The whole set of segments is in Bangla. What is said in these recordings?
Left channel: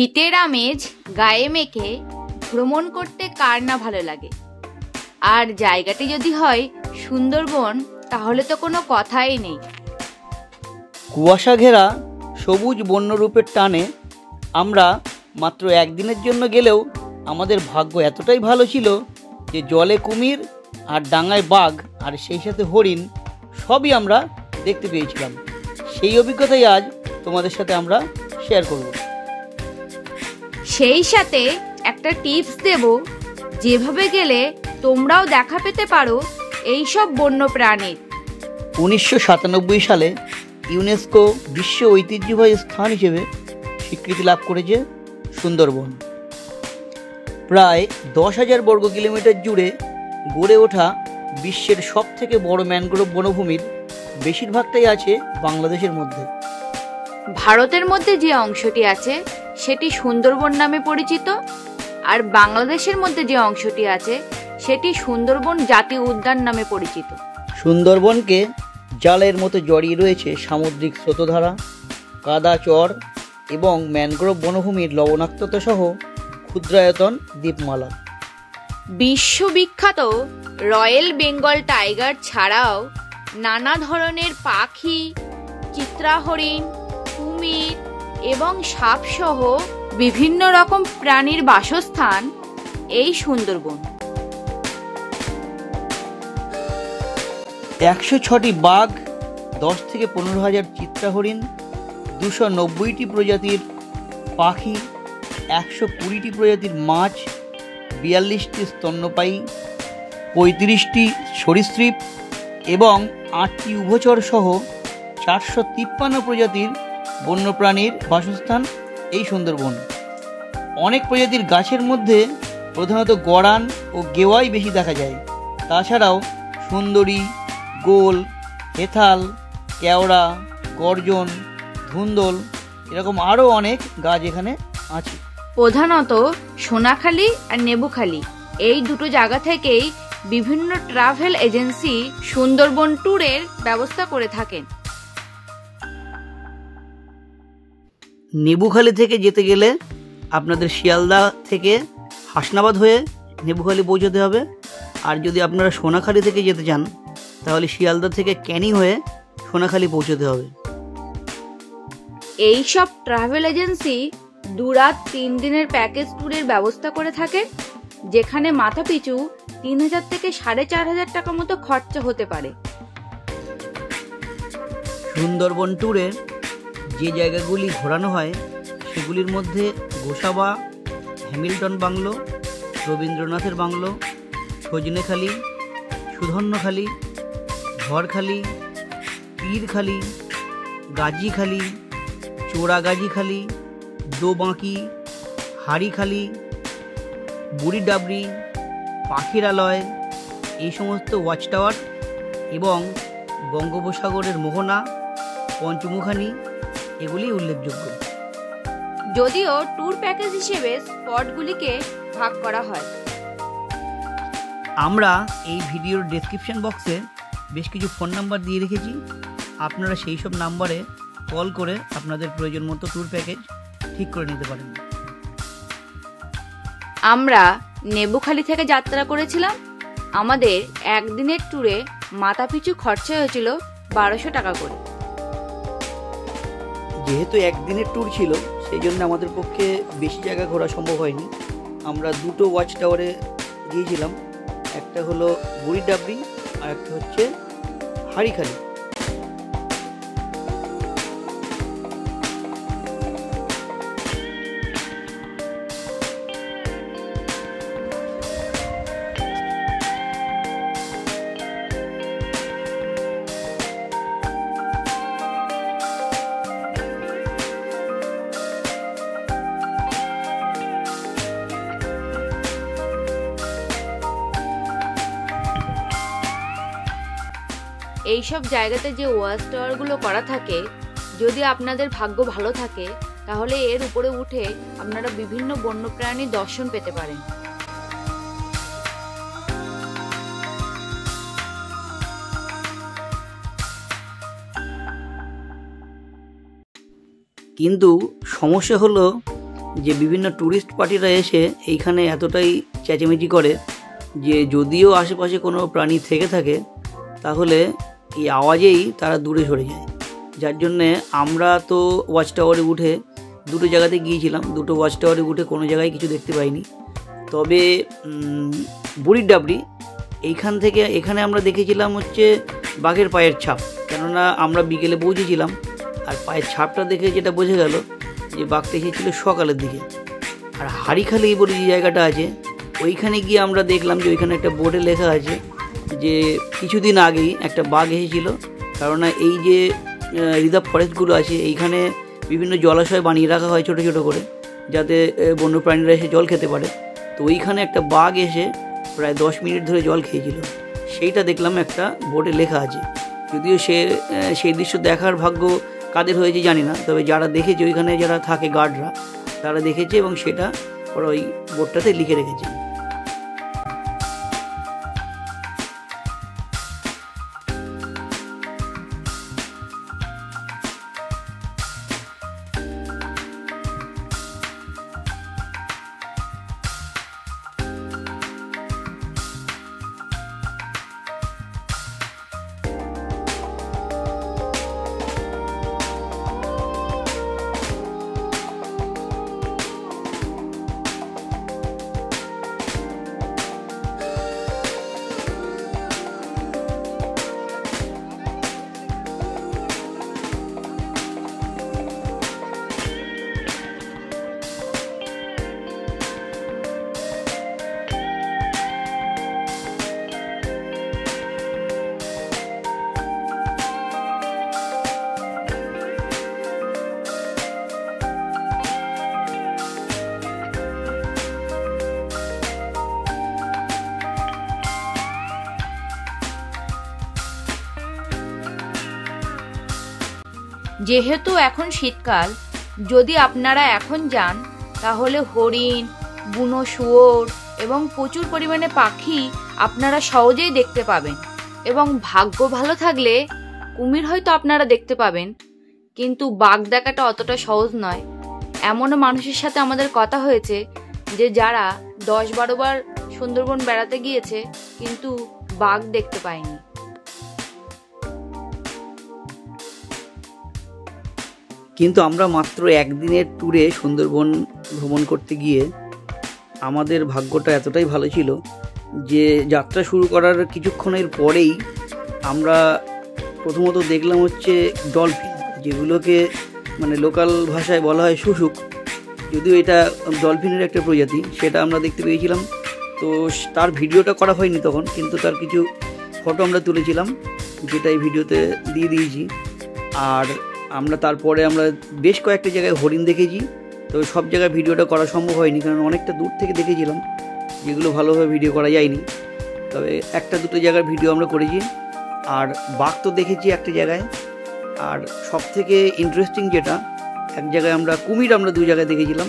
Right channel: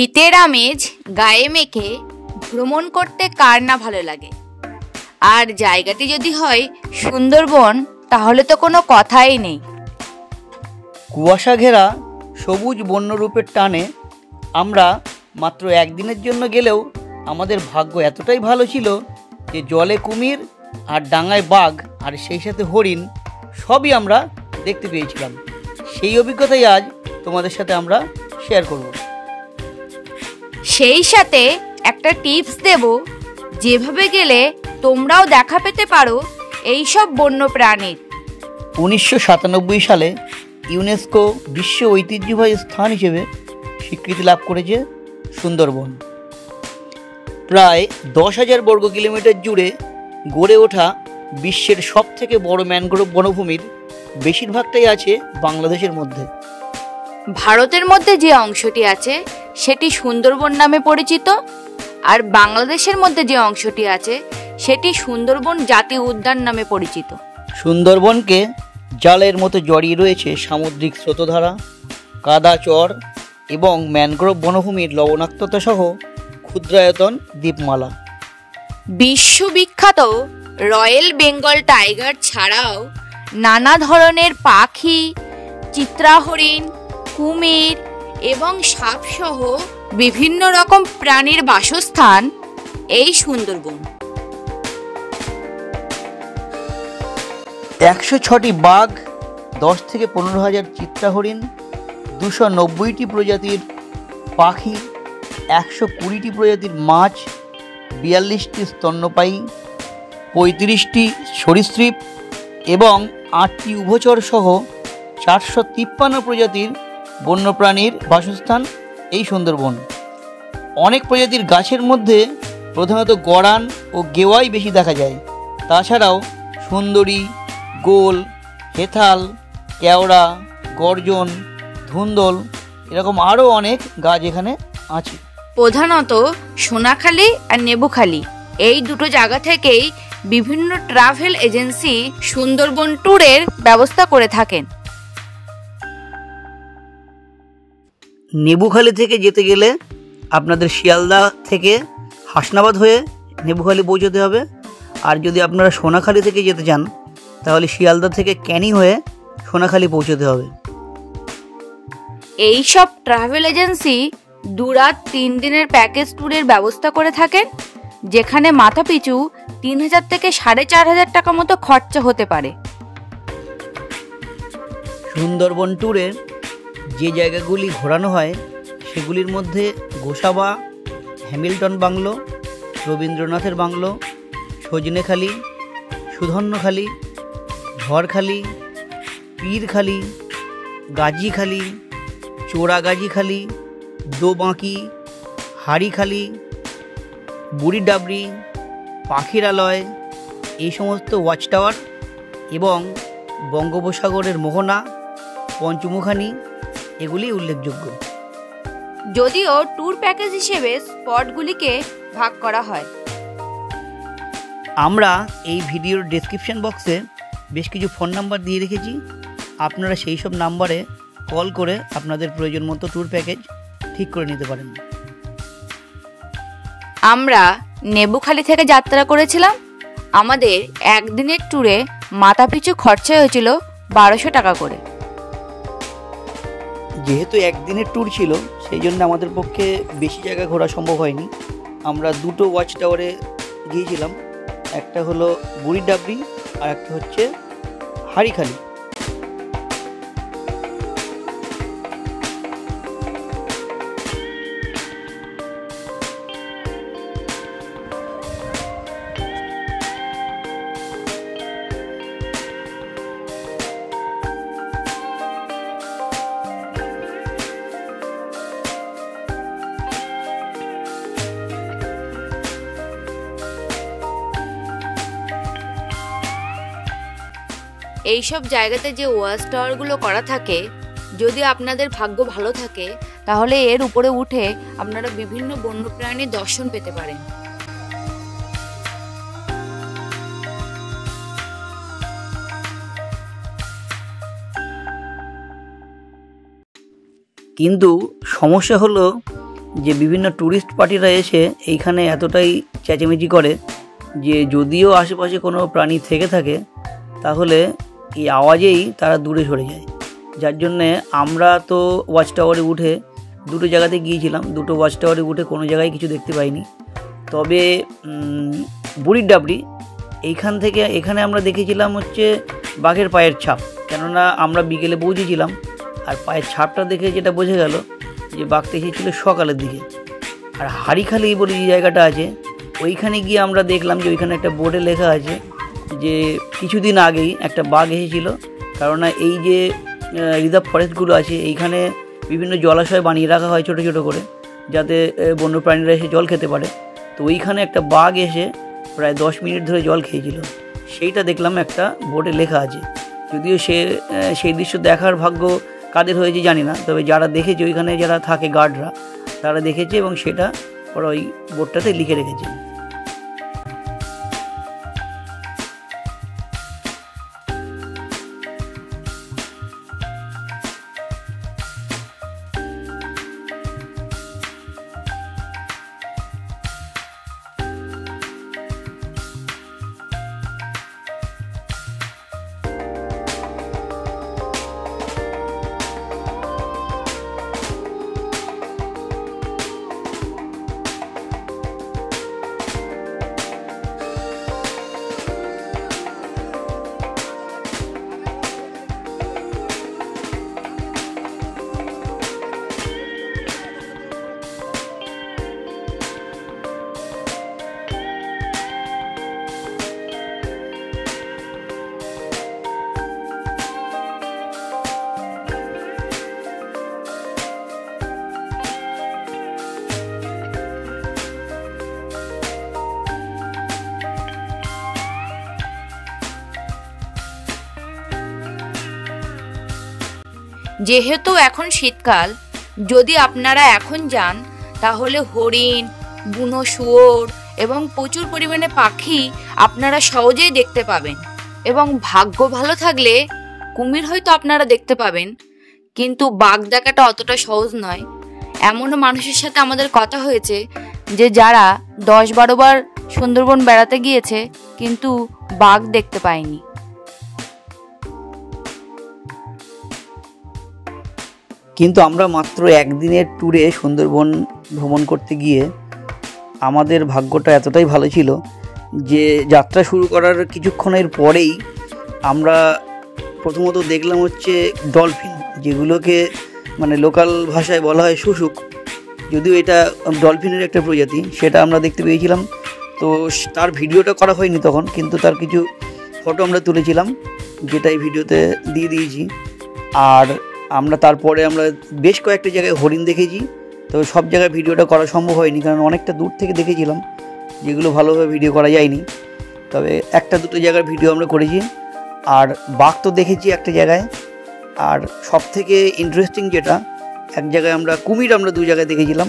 শীতের আমেজ গায়ে মেখে ভ্রমণ করতে কার না ভালো লাগে। আর জায়গাটি যদি হয় সুন্দরবন, তাহলে তো কোনো কথাই নেই। কুয়াশা ঘেরা সবুজ বন্যরূপের টানে আমরা মাত্র একদিনের জন্য গেলেও আমাদের ভাগ্য এতটাই ভালো ছিল যে জলে কুমির আর ডাঙায় বাঘ আর সেই সাথে হরিণ সবই আমরা দেখতে পেয়েছিলাম। সেই অভিজ্ঞতাই আজ তোমাদের সাথে আমরা শেয়ার করব। সেই সাথে একটা টিপস দেব, যেভাবে গেলে তোমরাও দেখা পেতে পারো এই সব বন্য প্রাণীর। 1997 সালে ইউনেস্কো বিশ্ব ঐতিহ্যবাহী স্থান হিসেবে স্বীকৃতি লাভ করেছে সুন্দরবন। প্রায় 10,000 বর্গ কিলোমিটার জুড়ে গড়ে ওঠা বিশ্বের সবথেকে বড় ম্যানগ্রোভ বনভূমির বেশিরভাগটাই আছে বাংলাদেশের মধ্যে। ভারতের মধ্যে যে অংশটি আছে সেটি সুন্দরবন নামে পরিচিত, আর বাংলাদেশের মধ্যে যে অংশটি আছে সেটি সুন্দরবন জাতীয় উদ্যান নামে পরিচিত। সুন্দরবনকে জালের মতো জড়িয়ে রয়েছে সামুদ্রিক স্রোতধারা, কাদা চর এবং ম্যানগ্রোভ বনভূমির লবণাক্ততা সহ ক্ষুদ্রায়তন দ্বীপমালা। বিশ্ববিখ্যাত রয়্যাল বেঙ্গল টাইগার ছাড়াও নানা ধরনের পাখি, চিত্রাহরিণ, কুমির এবং সাপ সহ বিভিন্ন রকম প্রাণীর বাসস্থান এই সুন্দরবন। 106টি বাঘ, 10 থেকে 15,000 চিত্রাহরিণ, 290টি প্রজাতির পাখি, 120টি প্রজাতির মাছ, 42টি স্তন্যপায়ী, 35টি সরীসৃপ এবং 8টি উভচর সহ 453 প্রজাতির বন্যপ্রাণীর বাসস্থান এই সুন্দরবন। অনেক প্রজাতির গাছের মধ্যে প্রধানত গরান ও গেওয়াই বেশি দেখা যায়। তাছাড়াও সুন্দরী, গোল, হেথাল, কেওড়া, গর্জন, ধুন্দল এরকম আরও অনেক গাছ এখানে আছে। প্রধানত সোনাখালী আর নেবুখালী এই দুটো জায়গা থেকেই বিভিন্ন ট্রাভেল এজেন্সি সুন্দরবন ট্যুরের ব্যবস্থা করে থাকেন। নেবুখালী থেকে যেতে গেলে আপনাদের শিয়ালদা থেকে হাসনাবাদ হয়ে নেবুখালী পৌঁছতে হবে, আর যদি আপনারা সোনাখালী থেকে যেতে চান তাহলে শিয়ালদা থেকে ক্যানিং হয়ে সোনাখালী পৌঁছতে হবে। এই সব ট্রাভেল এজেন্সি 2 রাত 3 দিনের প্যাকেজ ট্যুরের ব্যবস্থা করে থাকেন, যেখানে মাথা পিছু 3,000 থেকে 4,500 টাকা মতো খরচা হতে পারে। সুন্দরবন ট্যুরের যে জায়গাগুলি ঘোরানো হয় সেগুলির মধ্যে গোসাবা, হ্যামিল্টন বাংলো, রবীন্দ্রনাথের বাংলো, সজনেখালি, সুধন্যখালি, ঝড়খালি, পীরখালি, গাজীখালি, চোরাগাজীখালি, দোবাঁকি, হাড়িখালি, বুড়িডাবরি, পাখিরালয় এই সমস্ত ওয়াচ টাওয়ার এবং বঙ্গোপসাগরের মোহনা, পঞ্চমুখানি এগুলি উল্লেখযোগ্য। যদিও ট্যুর প্যাকেজ হিসেবে স্পটগুলিকে ভাগ করা হয়। আমরা এই ভিডিওর ডেসক্রিপশন বক্সে বেশ কিছু ফোন নাম্বার দিয়ে রেখেছি, আপনারা সেই সব নাম্বারে কল করে আপনাদের প্রয়োজন মতো ট্যুর প্যাকেজ ঠিক করে নিতে পারেন। আমরা নেবুখালী থেকে যাত্রা করেছিলাম। আমাদের একদিনের ট্যুরে মাথাপিছু খরচা হয়েছিল 1200 টাকা করে। যেহেতু একদিনের ট্যুর ছিল সেই জন্য আমাদের পক্ষে বেশি জায়গা ঘোরা সম্ভব হয়নি। আমরা দুটো ওয়াচ টাওয়ারে গিয়েছিলাম, একটা হলো বুড়িডাবরি আর একটা হচ্ছে হাড়িখালি। এইসব জায়গাতে যে ওয়াচ টাওয়ারগুলো করা থাকে, যদি আপনাদের ভাগ্য ভালো থাকে তাহলে এর উপরে উঠে আপনারা বিভিন্ন বন্যপ্রাণীর দর্শন পেতে পারেন। কিন্তু সমস্যা হলো যে বিভিন্ন ট্যুরিস্ট পার্টিরা এসে এইখানে এতটাই চেঁচামেচি করে যে যদিও আশেপাশে কোনো প্রাণী থেকে থাকে তাহলে এই আওয়াজেই তারা দূরে সরে যায়। যার জন্যে আমরা তো ওয়াচ টাওয়ারে উঠে দুটো জায়গাতে গিয়েছিলাম, দুটো ওয়াচ টাওয়ারে উঠে কোনো জায়গায় কিছু দেখতে পাইনি। তবে বুড়ির ডাবরি এইখান থেকে এখানে আমরা দেখেছিলাম হচ্ছে বাঘের পায়ের ছাপ, কেননা আমরা বিকেলে পৌঁছেছিলাম আর পায়ের ছাপটা দেখে যেটা বোঝা গেল যে বাঘটা এসেছিল সকালের দিকে। আর হাড়িখালি বলে যে জায়গাটা আছে ওইখানে গিয়ে আমরা দেখলাম যে ওইখানে একটা বোর্ডে লেখা আছে যে কিছুদিন আগেই একটা বাঘ এসেছিল, কেননা এই যে রিজার্ভ ফরেস্টগুলো আছে এইখানে বিভিন্ন জলাশয় বানিয়ে রাখা হয় ছোটো ছোটো করে, যাতে বন্যপ্রাণীরা এসে জল খেতে পারে। তো ওইখানে একটা বাঘ এসে প্রায় 10 মিনিট ধরে জল খেয়েছিল, সেইটা দেখলাম একটা বোর্ডে লেখা আছে। যদিও সেই দৃশ্য দেখার ভাগ্য কাদের হয়েছে জানি না, তবে যারা দেখেছে ওইখানে যারা থাকে গার্ডরা তারা দেখেছে এবং সেটা ওরা ওই বোর্ডটাতে লিখে রেখেছে। যেহেতু এখন শীতকাল, যদি আপনারা এখন যান তাহলে হরিণ, বুনো শুয়োর এবং প্রচুর পরিমাণে পাখি আপনারা সহজেই দেখতে পাবেন। এবং ভাগ্য ভালো থাকলে কুমির হয়তো আপনারা দেখতে পাবেন, কিন্তু বাঘ দেখাটা অতটা সহজ নয়। এমনও মানুষের সাথে আমাদের কথা হয়েছে যে যারা 10-12 বার সুন্দরবন বেড়াতে গিয়েছে কিন্তু বাঘ দেখতে পায়নি। কিন্তু আমরা মাত্র একদিনের ট্যুরে সুন্দরবন ভ্রমণ করতে গিয়ে আমাদের ভাগ্যটা এতটাই ভালো ছিল যে যাত্রা শুরু করার কিছুক্ষণের পরেই আমরা প্রথমত দেখলাম হচ্ছে ডলফিন, যেগুলোকে মানে লোকাল ভাষায় বলা হয় শুশুক, যদিও এটা ডলফিনের একটা প্রজাতি, সেটা আমরা দেখতে পেয়েছিলাম। তো তার ভিডিওটা করা হয়নি তখন, কিন্তু তার কিছু ফটো আমরা তুলেছিলাম যেটা এই ভিডিওতে দিয়ে দিয়েছি। আর আমরা তারপরে আমরা বেশ কয়েকটা জায়গায় হরিণ দেখেছি, তো সব জায়গায় ভিডিওটা করা সম্ভব হয়নি কারণ অনেকটা দূর থেকে দেখেছিলাম, যেগুলো ভালোভাবে ভিডিও করা যায়নি। তবে একটা দুটো জায়গার ভিডিও আমরা করেছি। আর বাঘ তো দেখেছি একটা জায়গায়, আর সব থেকে ইন্টারেস্টিং যেটা, এক জায়গায় আমরা কুমির আমরা 2 জায়গায় দেখেছিলাম,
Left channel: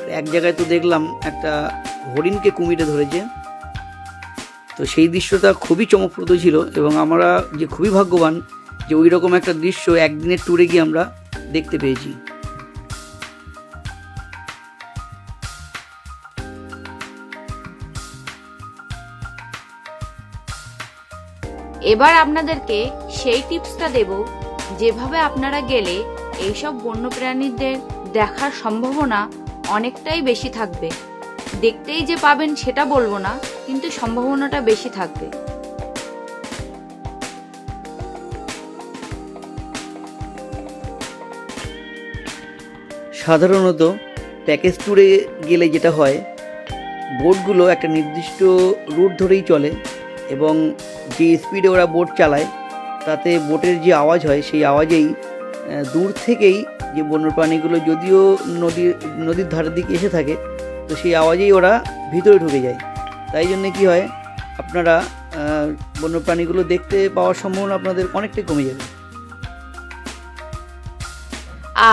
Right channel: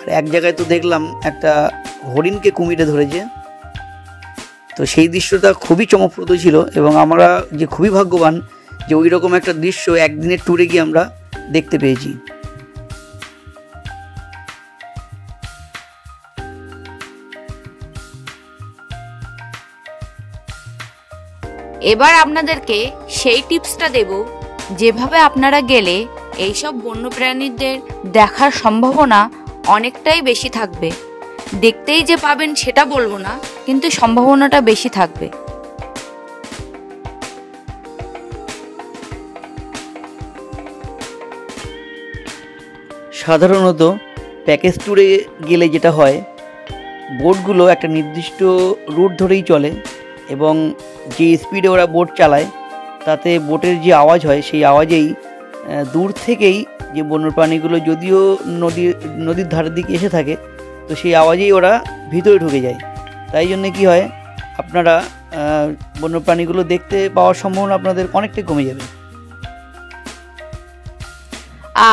আর এক জায়গায় তো দেখলাম একটা হরিণকে কুমিরে ধরেছে। তো সেই দৃশ্যটা খুবই চমকপ্রদ ছিল এবং আমরা যে খুবই ভাগ্যবান যে ওই রকম একটা দৃশ্য একদিনের ট্যুরে গিয়ে আমরা দেখতে পেয়েছি। এবার আপনাদেরকে সেই টিপসটা দেব যেভাবে আপনারা গেলে এইসব বন্যপ্রাণীদের দেখার সম্ভাবনা অনেকটাই বেশি থাকবে। দেখতেই যে পাবেন সেটা বলবো না, কিন্তু সম্ভাবনাটা বেশি থাকবে। সাধারণত প্যাকেজ ট্যুরে গেলে যেটা হয়, বোটগুলো একটা নির্দিষ্ট রুট ধরেই চলে এবং যে স্পিডে ওরা বোট চালায় তাতে বোটের যে আওয়াজ হয় সেই আওয়াজেই দূর থেকেই যে বন্যপ্রাণীগুলো যদিও নদীর ধারের দিকে এসে থাকে, তো সেই আওয়াজেই ওরা ভিতরে ঢুকে যায়। তাই জন্য কি হয়, আপনারা বন্যপ্রাণীগুলো দেখতে পাওয়ার সম্ভাবনা আপনাদের অনেকটাই কমে যাবে।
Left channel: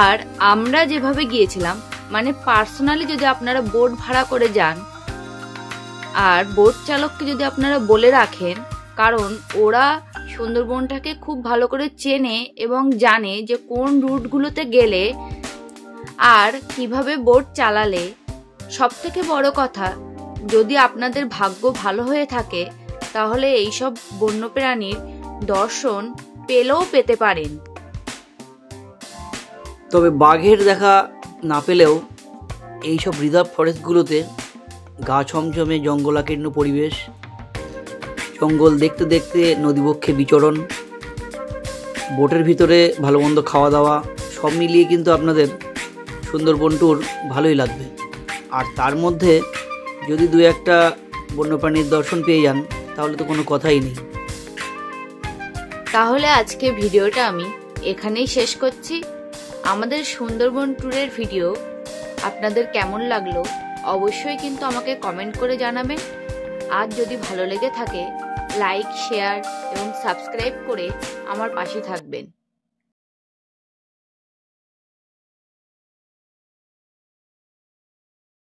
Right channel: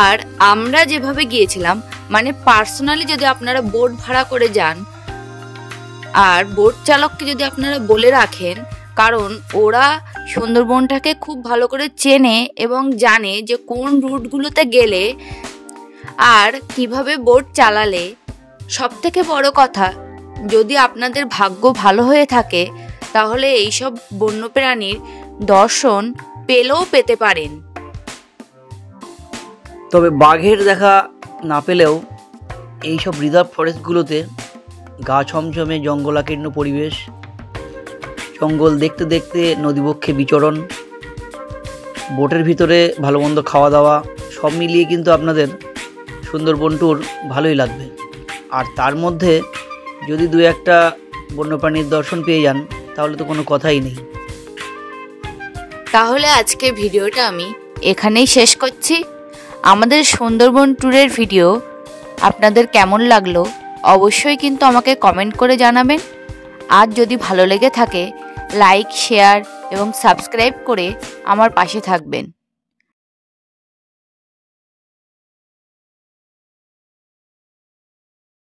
আর আমরা যেভাবে গিয়েছিলাম, মানে পার্সোনালি যদি আপনারা বোট ভাড়া করে যান আর বোট চালককে যদি আপনারা বলে রাখেন, কারণ ওরা সুন্দরবনটাকে খুব ভালো করে চেনে এবং জানে যে কোন রুটগুলোতে গেলে আর কিভাবে বোট চালালে, সবথেকে বড় কথা, যদি আপনাদের ভাগ্য ভালো হয়ে থাকে তাহলে এইসব বন্যপ্রাণীর দর্শন পেতে পারেন। তবে বাঘের দেখা না পেলেও এইসব রিজার্ভ ফরেস্টগুলোতে গা ছমছমে জঙ্গলাকীর্ণ পরিবেশ, জঙ্গল দেখতে দেখতে নদীবক্ষে বিচরণ, বোটের ভিতরে ভালো মন্দ খাওয়া দাওয়া, সব মিলিয়ে কিন্তু আপনাদের সুন্দরবন ট্যুর ভালোই লাগবে। আর তার মধ্যে যদি দু একটা বন্যপ্রাণীর দর্শন পেয়ে যান তাহলে তো কোনো কথাই নেই। তাহলে আজকে ভিডিওটা আমি এখানেই শেষ করছি। আমাদের সুন্দরবন ট্যুরের ভিডিও আপনাদের কেমন লাগলো অবশ্যই কিন্তু আমাকে কমেন্ট করে জানাবেন। আর যদি ভালো লেগে থাকে লাইক, শেয়ার এবং সাবস্ক্রাইব করে আমার পাশে থাকবেন।